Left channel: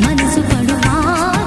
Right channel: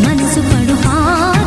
మనసు పడుపా.